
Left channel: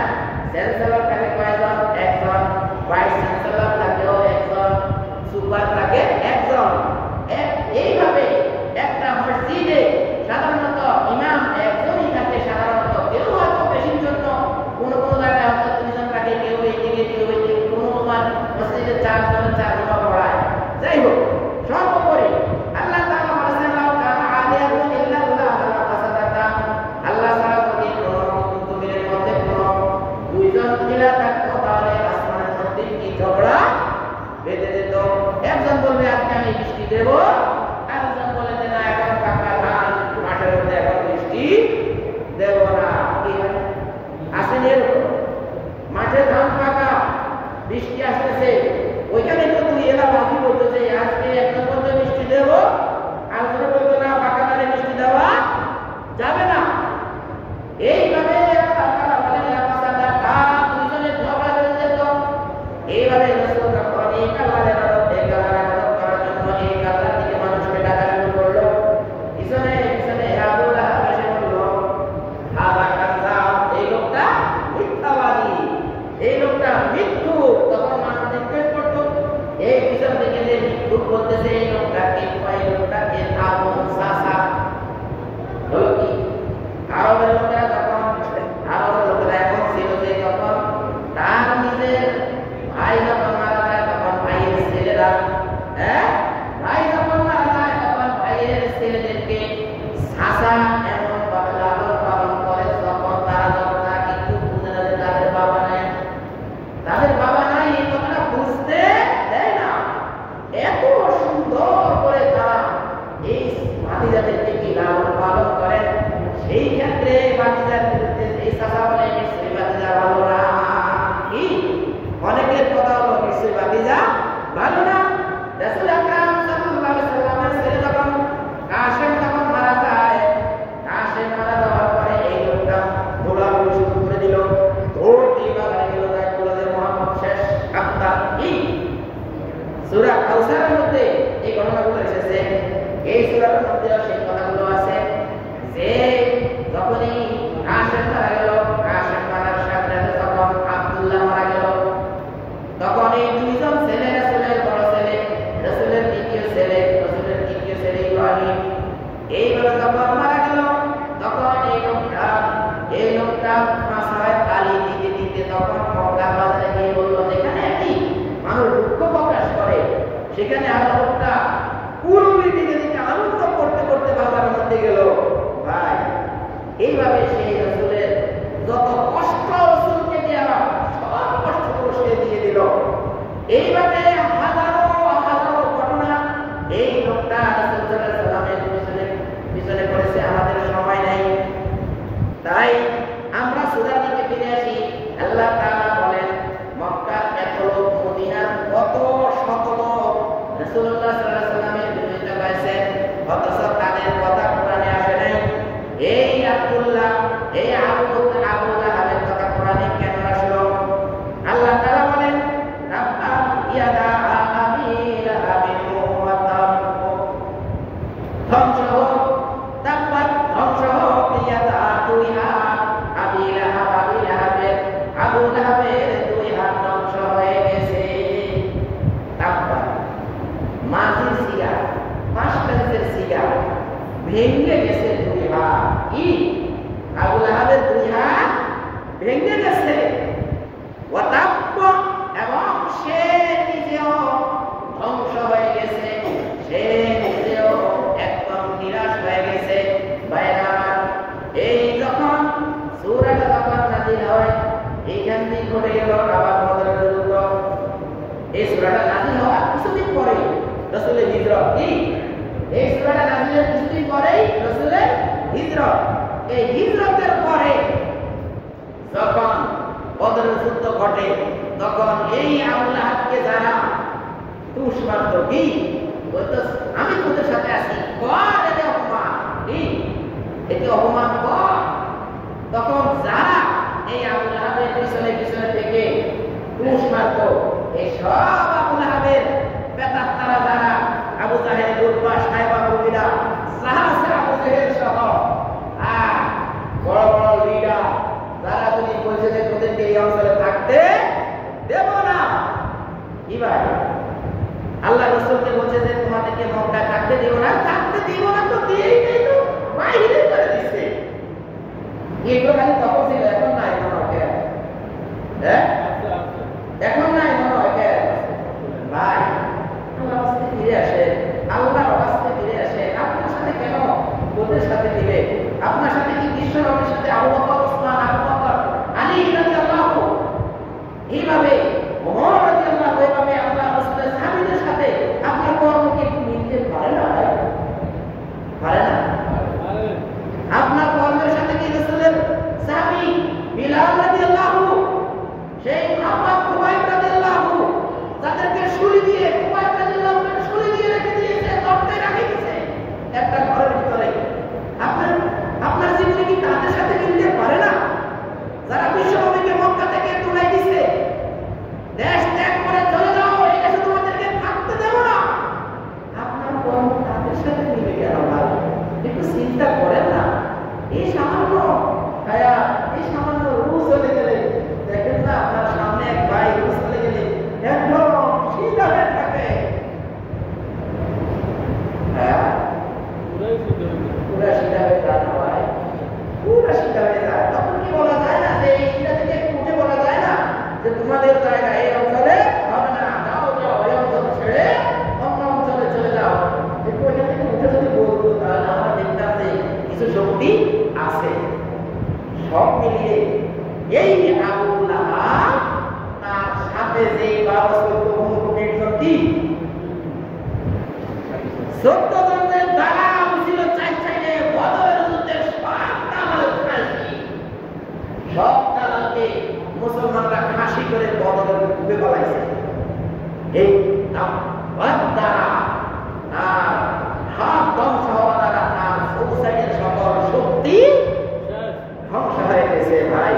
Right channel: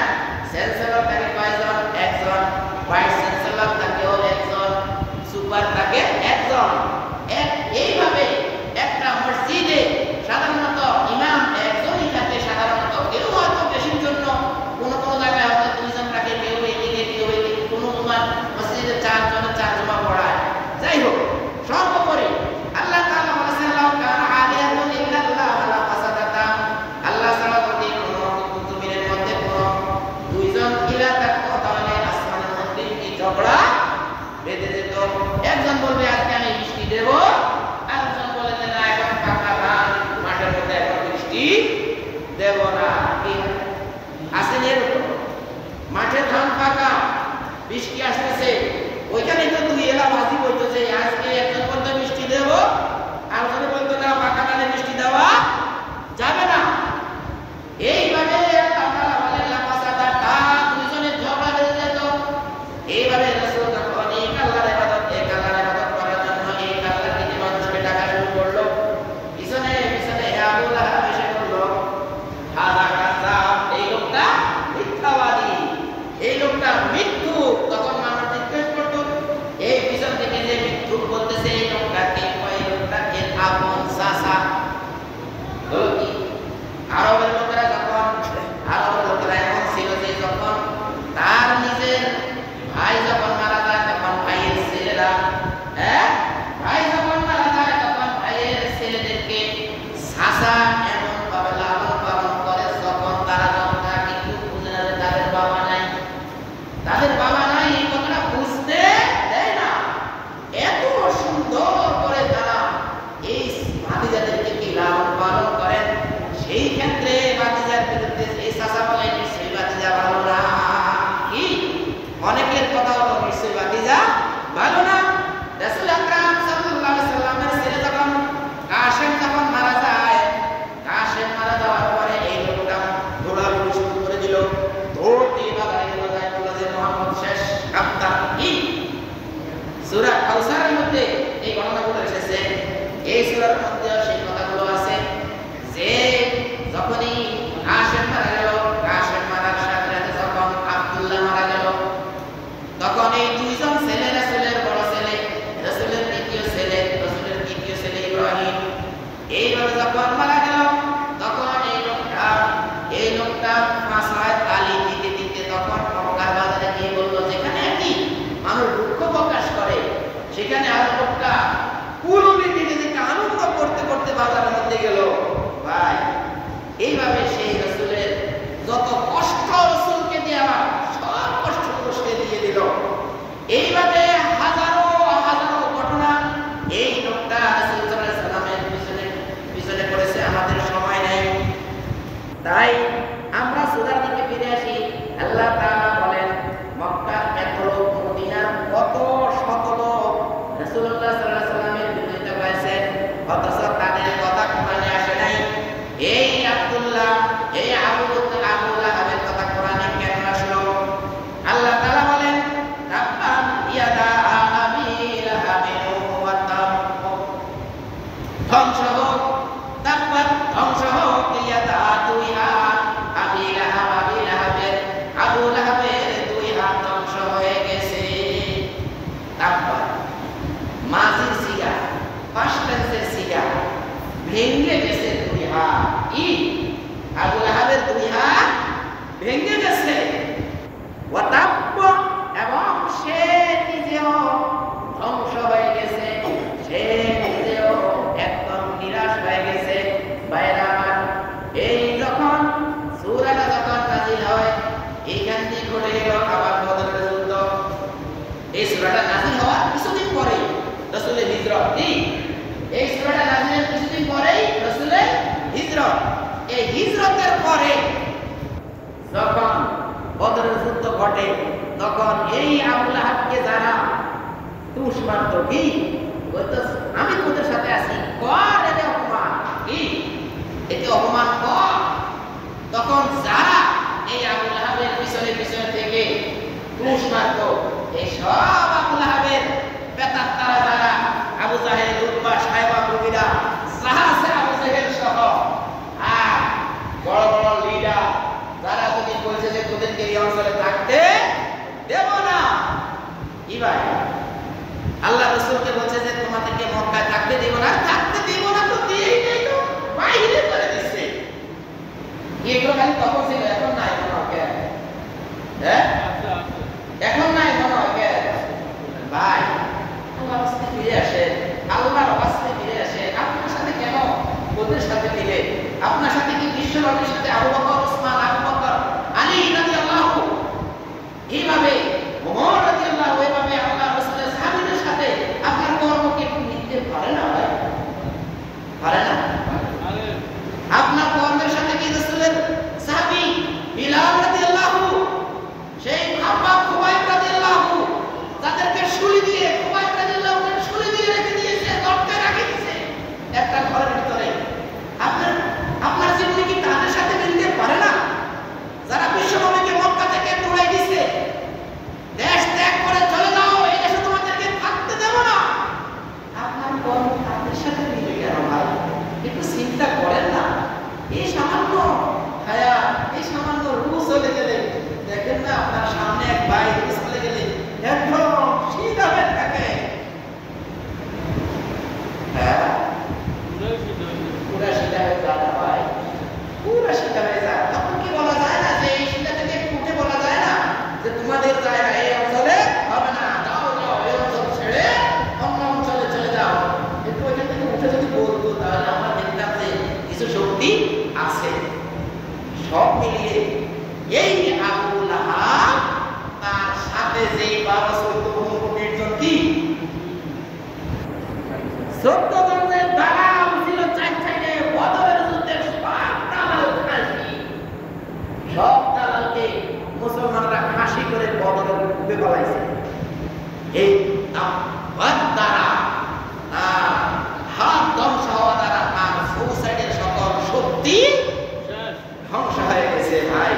চ্যান্সেলর থাকে কয়জন? একজন। ভাইস চ্যান্সেলর থাকেও একজন, সুপার থাকে একজন। এইভাবে একটা মসজিদে সাধারণত ইমাম একজনই থাকে, সাধারণত কেউ হয়তো বেশির জন্য কোনো জায়গায় হয়তো দুইজন থাকে, কেউ এইদিকে কেউ এইদিকে, কোনো মসজিদে 4 জনে 4 জমা পড়ায়। যাই হোক, সর্বোপরি আল্লাহ তাআলা বলেছেন, লাউ কানা আলিয়াতুন ইল্লাল্লাহ লা ফাসাদাতা, আল্লাহ ছাড়া যদি কোনো জমিনের মধ্যে কোনো 2 জন ইলা থাকতো, তাহলে আসমানের মধ্যে কি ঝগড়া বেঁধে যেত। একজন বলবে আজকে আমি বৃষ্টি দেব, আরেকজন বলে যে না, এখন পাকা ধান মাঠের মধ্যে, এখন বৃষ্টি দেব না। কি আসেনি এরকম? মাঠে ধান পাকা, বৃষ্টি আসতেছে, ওইখানে তো 2 এলাবাজি বলতো যে আজকে একজন বলতো বৃষ্টি দেব, আরেকজন বলতো না, পাকা ধানে বৃষ্টি দেওয়া যাবে না। এইভাবে আল্লাহ তাআলা বলেন, লা ফাসাদাতা, 2 জনের ঝগড়া বেঁধে যেত। এইভাবে রাসূল যখন এক আল্লাহর ইবাদত করার জন্য এক আল্লাহর দিকে মানুষকে ডাকা শুরু করলো, পিছনে পিছনে আবু লাহাব এসে বলল, হাযা কাযাব, এই লোকটা মিথ্যাবাদী, এই লোকটা মিথ্যুক। তখন মানুষ জিজ্ঞেস করতো, এই পিছন থেকে যে মিথ্যুক বলতেছে, এই লোকটা কে? এই লোকটা এর আপন চাচা। হলো কি কাউসারের মধ্যে এই ঘটনাগুলো এসেছে। এই সূরার মধ্যে সেই কথাগুলো আছে যে যখনই রাশেদ মারা গেল, রাশেদ মারার সাথে সাথে যখন আব্দুল্লাহ মারা গেল, তখন এই দুইজন ছেলে, রাসূলের বড় ছেলে, রাসূলের দ্বিতীয় ছেলে, রাসূলের তৃতীয় ছেলে ইব্রাহিম, এইভাবে যখন মারা গেল, তখন এই লোকটা মাসায় তালি দিতে দিতে তখন মক্কার বাজারে গিয়ে বলল, যেখানে কি মানুষ দুঃখ প্রকাশ করে সেখানে আর লোকটা কুলুনি দিতে দিতে আনন্দ করতে করতে বাজারের মধ্যে গেল। ভাই, এইভাবে সেই রাসূলের যত কষ্ট রাসূলকে দেওয়া সব কষ্টগুলো সে দিয়ে দিল। এইভাবে হাজারো হাজারো ঘটনা এই লোকটা রাসূল সাল্লাল্লাহু আলাইহি সাল্লামের পিছনে করেছে। আমাদের সময় নাই, তাই আমরা সূরার দিকে ফিরে আসি। আল্লাহ তাআলা বলেন, মক্কার এত লোক, মদিনার কত শত লোক রাসূলুল্লাহ সাল্লাল্লাহু আলাইহি সাল্লামের বিরোধিতা করেছে, অথচ তাদের কথা কোরআনে আসে নাই। এই আব্দুল্লাহ, এই আবু লাহাবের কথা কোরআনে কেন আসলো? আল্লাহ তাআলা বলেন, তাব্বাত ইয়াদা আবি লাহাবিন ওয়া তাব, ধ্বংস হোক, তাব্বাত ধ্বংস হোক ইয়াদা দুই হাত আবি লাহাবের, আবু লাহাবের দুই হাত ধ্বংস হয়ে গেছে। তাব্বাত মাজির সিগা, পাস্ট টেন্সের সিগা, ভেঙে গেছে দুই হাত। কি? আবু লাহাবের দুই হাত ভেঙে গেছে। ওয়া তাব্ব, এবং সে নিজেও ধ্বংস হয়ে গেছে, সে নিজেও একদম নিরাশ হয়ে গেছে। ভাইরা আমার, এই যখন সূরাটা যখন নাযিল হয়, এইখান দিয়ে ঘটে গেল আবার বদরের যুদ্ধ। এই সূরাটা নাযিল হওয়ার কিছুদিন পরেই রাসূলের হিজরত। কি? এই সূরাটা নাযিলের কিছুদিন পরেই রাসূলের হিজরত। এই হিজরতের পরে যখন বদরের যুদ্ধ ঘটে, তখন এই আবু লাহাবকে যারা তুষ মারত, কি বলতো, আমি তোদের সাথে আছি, কর এতে অপমান, কি এতে অপমান কর। তখন যারা এই আবু লাহাবের পিছনে পিছনে থেকে তুষ মারত, এই সব আবু লাহাবের বেতার তারা যারা, আবু জাহেল, উতবা, সাইবা প্রভৃতিরা, সাহাসে আবু জাহেল সহ বড় বড় লিডার, যারা যদি বলছে যে তোদেরকে এই অঞ্চলে থাকতে দেব না, কি ভাই, আল্লাহ রাসূলকে বলছে যে তোমাদেরকে মক্কায় থাকতে দেব না, থাকতে দেব না তো দিয়েই নেই, তো বাইরে করে দিচ্ছে। এগুলো খালি তখন ছিল, এখন নাই মনে হয়। হ্যাঁ, এখন নাই মনে হয়। ভাই, আল্লাহর কাছে ফিরে আসেন, আল্লাহর কাছে ফিরে আসেন। আপনার সাথে কেন ওদের সাথে মিলে? আপনার সাথে কি বিশ্ব নবীর সাথে আবু বকর, ওসমান, আবু বকর, আলী রাদিয়াল্লাহু, এইভাবে ওমর রাদিয়াল্লাহু, এইভাবে আল্লাহর রাসূলের সাহাবীদের সাথে আপনার কর্ম কি মিলতে পারে না? ভাই, পারে না? আপনার কর্মের সাথে কি রাসূলের সাহাবী বিলাল রাদিয়াল্লাহু, সেই খাব্বাব, খুবাইব রাদিয়াল্লাহু, তাদেরকে শুলি দিয়ে, খুবাইব রাদিয়াল্লাহুকে শুলি দিয়ে রেখে দিয়েছে, গর্তে রেখে দিয়েছে একটা ঘরের ভিতরে, আপনার জীবনে কি তাদের সাথে মিলতে পারে না? যারা বিশ্ব নবীকে মক্কা থেকে তুলে দিয়েছে, দেশ ত্যাগ করে চলে যাও, এই দেশে তোমাদেরকে থাকতে দেব না, আপনার কর্ম তাদের সাথে মিলে কেন? ভাই, একটু চিন্তা করেন না। এই সামান্য হায়া, এই সামান্য রূহ চলে গেলে, দেখেন না আপনার সামনে এক ভাই রূহ চলে গেলে একদম সিধা হয়ে থাকে। হ্যাঁ, পুরা সিধা হয়ে যায় না ভাই, পুরা সিধা হয়ে যায়। তখন কি বলা যায় না যে এই সিধা থেকে একটু উঠে বলা যায় না যে তোমাদের জায়গা এই অঞ্চলে হবে না, যাও যাও, এই অঞ্চল ছেড়ে অন্য অঞ্চলে চলে যাও। একটু ওইখান থেকে উঠে যদি বলতো, তাহলে আমরা দেখতাম যে কিছু শক্তি আছে। সব মিলিয়ে এই আবু লাহাব, তার সাথে যে 12-14 জন, কি 14 জনের দ্বারা ছিল চার সাইডে বদরের যুদ্ধে সব দালালকে মুসলমানরা ফাঁসি করে বদরের ডুবে পালাইছে। এই দ্বারা তার হাত ধ্বংস হওয়া দ্বারা তার সুসাইডের সকল শক্তি ধ্বংস হয়ে গেছে। ভাই,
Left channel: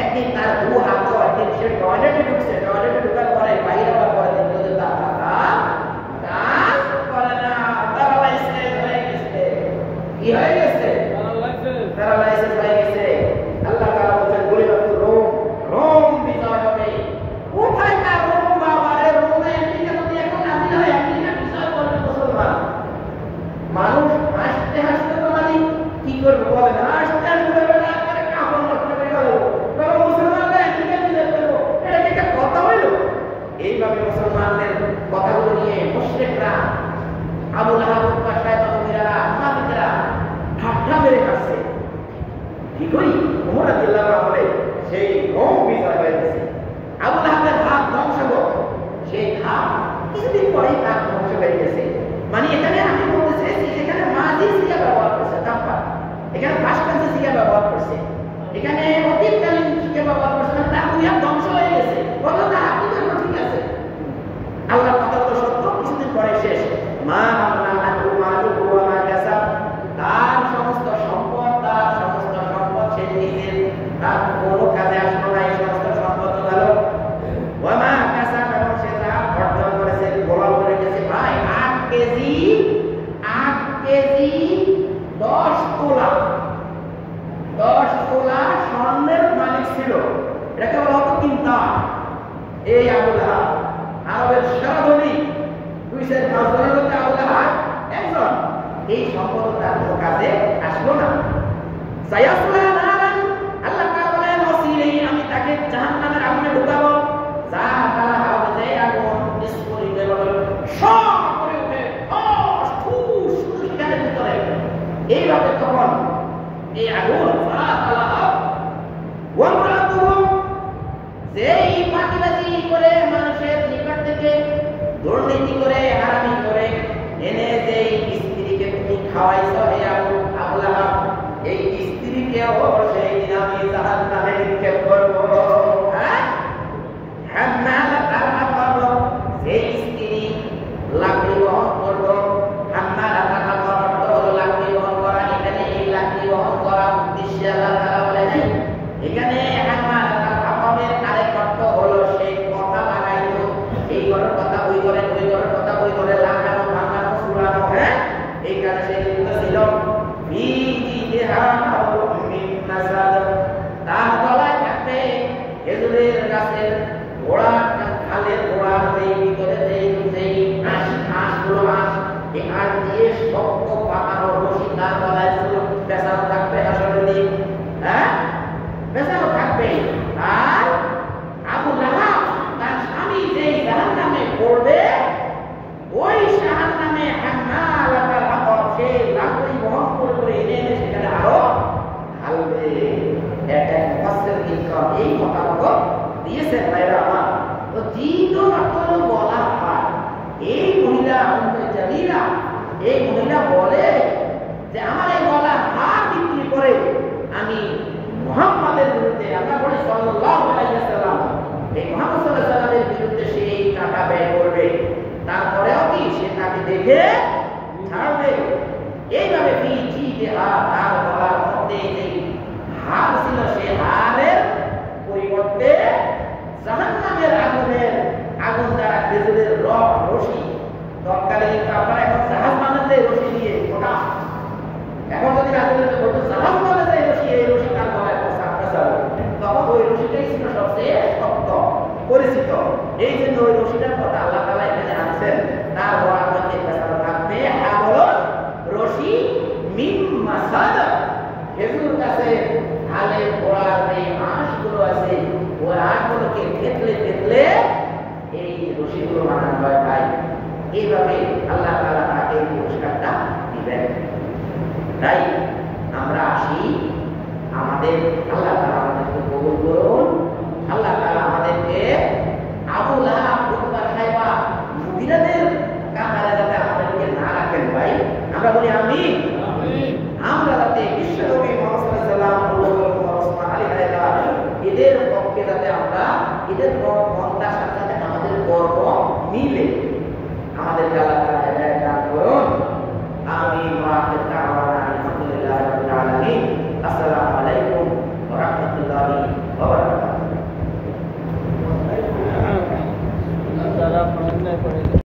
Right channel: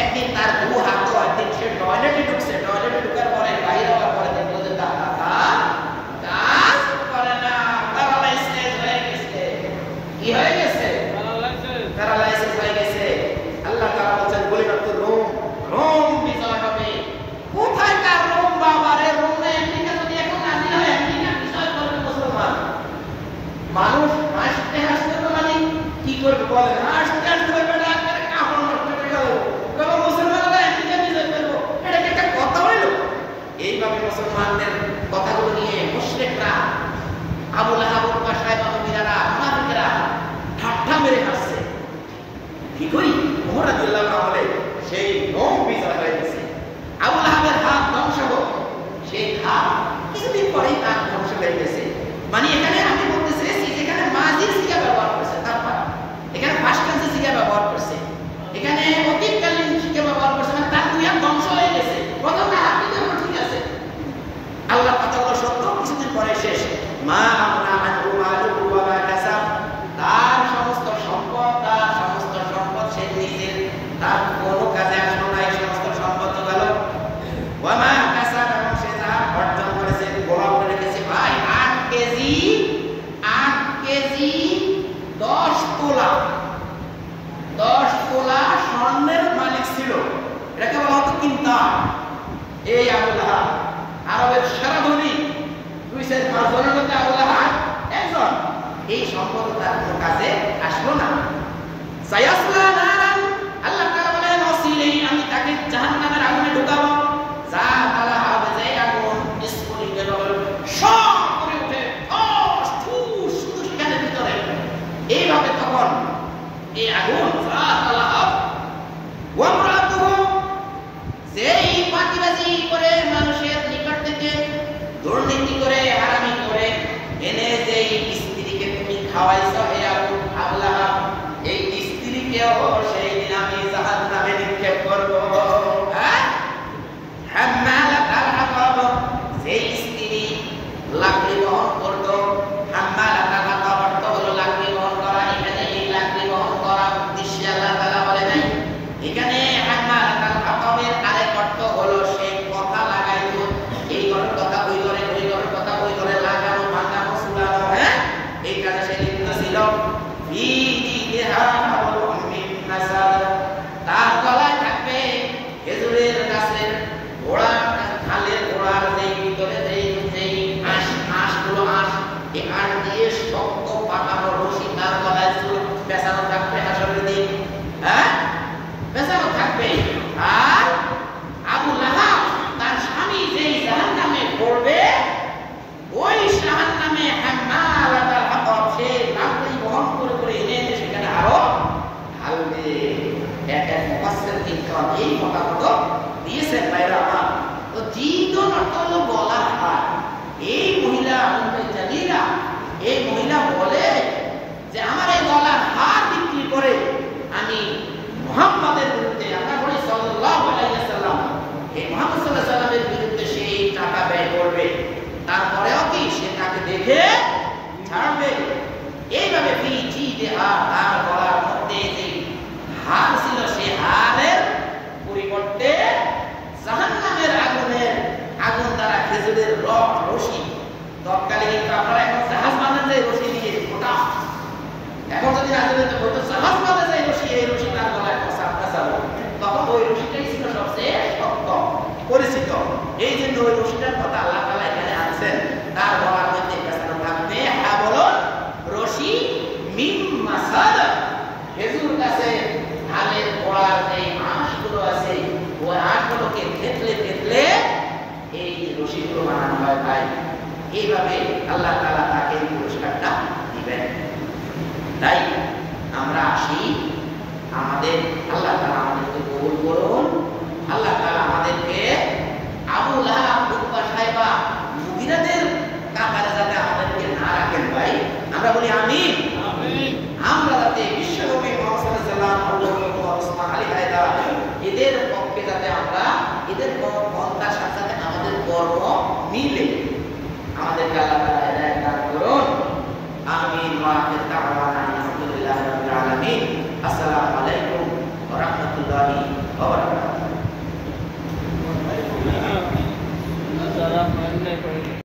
একদিন তার দু হাত, একদিন সে টয়লেটে ঢুকছে, টয়লেটে ঢুকার পরে বাইরে হওয়ার পরে দেখলো যে তার ওমর রাদিয়াল্লাহু আনহু আমলে সেই রোম বিজয় হয়ে গেছে। আবু লাহাবের হাত ধ্বংস হোক, সেই হাত কিছুদিন পরেই তার ধ্বংস হয়ে গেছে। মানে এখানে আমি বলতে চাইছি যেখানে মাজির সিগা ব্যবহার করছে তারপর এখানে ফার্স্ট টেন্সে সিগা ব্যবহার করছে, এখানে অতীতকালীন সিগা ব্যবহার করছে, মানে তার দুই হাত ধ্বংস হয়ে গেছে। কথা না আপনি যেমন ঠিক আছে, আল্লাহর কথাগুলো সত্য, কিছুদিন পরে শেষ। মা আমনা আনহু মালুহু ওয়া মা কাসাব, তার সমস্ত সম্পদ সে নিজের তার কোনো কাজে আসলো না, এই সমস্ত সম্পদ গেল। ওয়া মা কাসাব, এবং সে যা অর্জন করেছে গোলাম করে রেখেছে। ভাই 8 কেজি 10 তোলা স্বর্ণের মালিক ছিল। এটাকে বলা হতো কিন্তার। এই আবু লাহাব আরবের সেরা ধনী, 2-5 জনের মধ্যে আবু লাহাব একজন। এই সম্পদ তার কোনো কাজে আসলো না। সায়াসলা নারান, আল্লাহ তাআলা বলেন ওসিলেই আমি তাকে জাহান্নামের আগুনে ঢুকাবো। যা তারা হবে যে আগুন স্ফুলিঙ্গ হবে, সব করে উঠে ঠুস শুধু সেখানে ভিতরে। এইভাবে তখন এই আগুন যা তারা হবে ওয়ামরাতুহু, যেই ফাঁকিবাজি করে মানুষের নিকট থেকে দুর্নীতি করে হারামি করে এনে যেই স্ত্রীকে তুমি খাওয়াইছো, হে আবু লাহাব, এই স্ত্রীকেও সেই দিন আমি জাহান্নামে নিক্ষেপ করব। হাম্মালাতাল হাতাব, যেই স্ত্রী লাকড়ি বহন করতো। হাম্মালাতাল হাতাব অর্থ হলো লাকড়ি বহন করা। এখানে এই লাকড়ি বহন করা উদ্দেশ্যে আল্লাহ তাআলা বলে নাই। এখানে হাম্মালাতাল হাতাবের আরেক অর্থ হলো সেই কথা লাগাইতো, এই ঘরের কথা ওই ঘরে, ওই ঘরের কথা ওই ঘরে লাগানো, ভাঙানো, চুলানো, হ্যাঁ, এই কাজে সে লিপ্ত ছিল। তার গলায় থাকবে খেজুরের গাছের গোড়া, খালের গোড়ার যেই ভিতরে যেই আঁশগুলো এই আঁশ দিয়ে শক্ত পাকানো রশি তার গলায় পেঁচানো থাকবে। হাসরের দিন পেঁচানো থাকবে। আর আবু লাহাব তার স্বামী যেই জাহান্নামে পড়বে, ওই জাহান্নামে হাম্মালাতাল হাতাব, সে লাকড়ি বহন করে করে এনে সেখানে আরো ঢালবে। এক মুফাসসির ইনকাম এই মতামত দিয়েছেন। ভাইরা আমার, তো জিদন অর্থ হলো গলার হার। এই মহিলা জালিরা, এই মহিলা বলে যে আমার এই গলার হার বিক্রি করে আমি মুহাম্মাদের বিরুদ্ধে, আমরা বলি সাল্লাল্লাহু আলাইহি ওয়াসাল্লাম, এই মুহাম্মদ সাল্লাল্লাহু আলাইহি ওয়াসাল্লামের বিরুদ্ধে সে এই টাকা ব্যয় করবে। তারপরেও কি সে তাকে দেখে ছাড়বে। এইভাবে তার গলার মধ্যে যে হার ছিল, সে হারের পরিবর্তে জাহান্নামের আগুন দ্বারা খেজুরের রশি। তৎকালে কিন্তু আপনারা এখন জাহাজ বানান যে রশি দিয়ে ওটা, এখন যদি না জানেন তো হয়তো জাহাজ বানান যে রশি, এই রশি তার গলায় পেঁচানো, তখন ওই রশিটাই ছিল সবচেয়ে শক্ত পরিচিত। এই জন্য ওই রশিটার কথা আল্লাহ তাআলা এখানে আনছেন। তার গলার মধ্যে পেঁচানো থাকবে হাবলুন রশি মিন মাসাদ, খেজুর গাছে ঢালের গোড়ার যে আঁশগুলো আছে, ওই আঁশগুলোকে থেতলে এই রশিগুলো বানানো হয়। তাই এইভাবে আল্লাহ তাআলা তাকে পুরস্কারটা দিবেন। তাই আমরা আসি, আমাদের আল্লাহ তাআলা আমাদেরকে কবুল করুন। আল্লাহ তাআলা আমাদেরকে আবু লাহাব, উতবা, সাইবা, মুগিরাদের কাতারে যাতে আমাদেরকে না রাখেন। ভাই আমরা বলি আমিন। আমরা যাতে বিশ্বনবী মুহাম্মদ সাল্লাল্লাহু আলাইহি ওয়াসাল্লাম, আবু বকর, ওসমান, আলী, হায়দার এদের পক্ষে যাতে আমরা এদের পন্থার সাথে আমাদের কর্ম মিলে আমাদেরকে আল্লাহ